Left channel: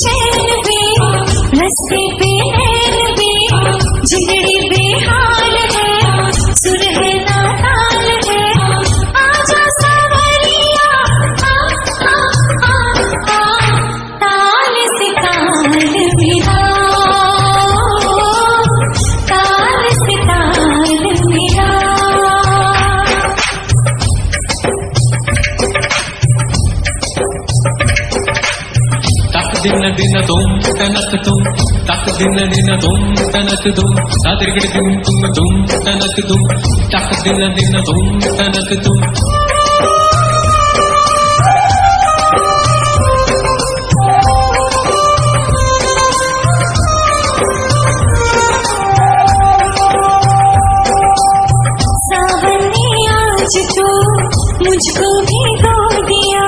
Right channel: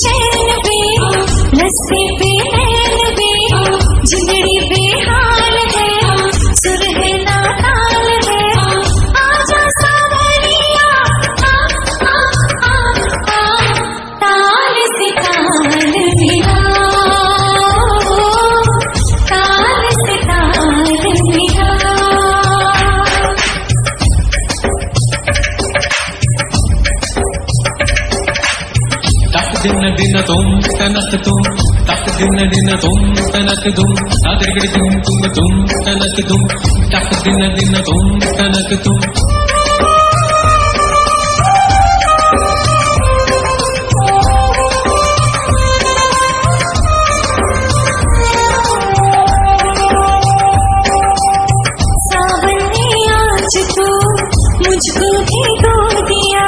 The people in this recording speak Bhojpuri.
चैन वे रस्ते पे नैन वे जिंदड़ी बेहाल है सुर है ना ताल है आजा सावरिया आ आ आ आ ताल से ताल मिला ताल से ताल मिला दिन दिन तुम तनक तुम तक दिन दिन तुम तनक तुम तादरगड़ दिन तुम तनक तुम तक दिन दिन तुम तनक तुम सावन ने आज तो मुझको भिगो दिया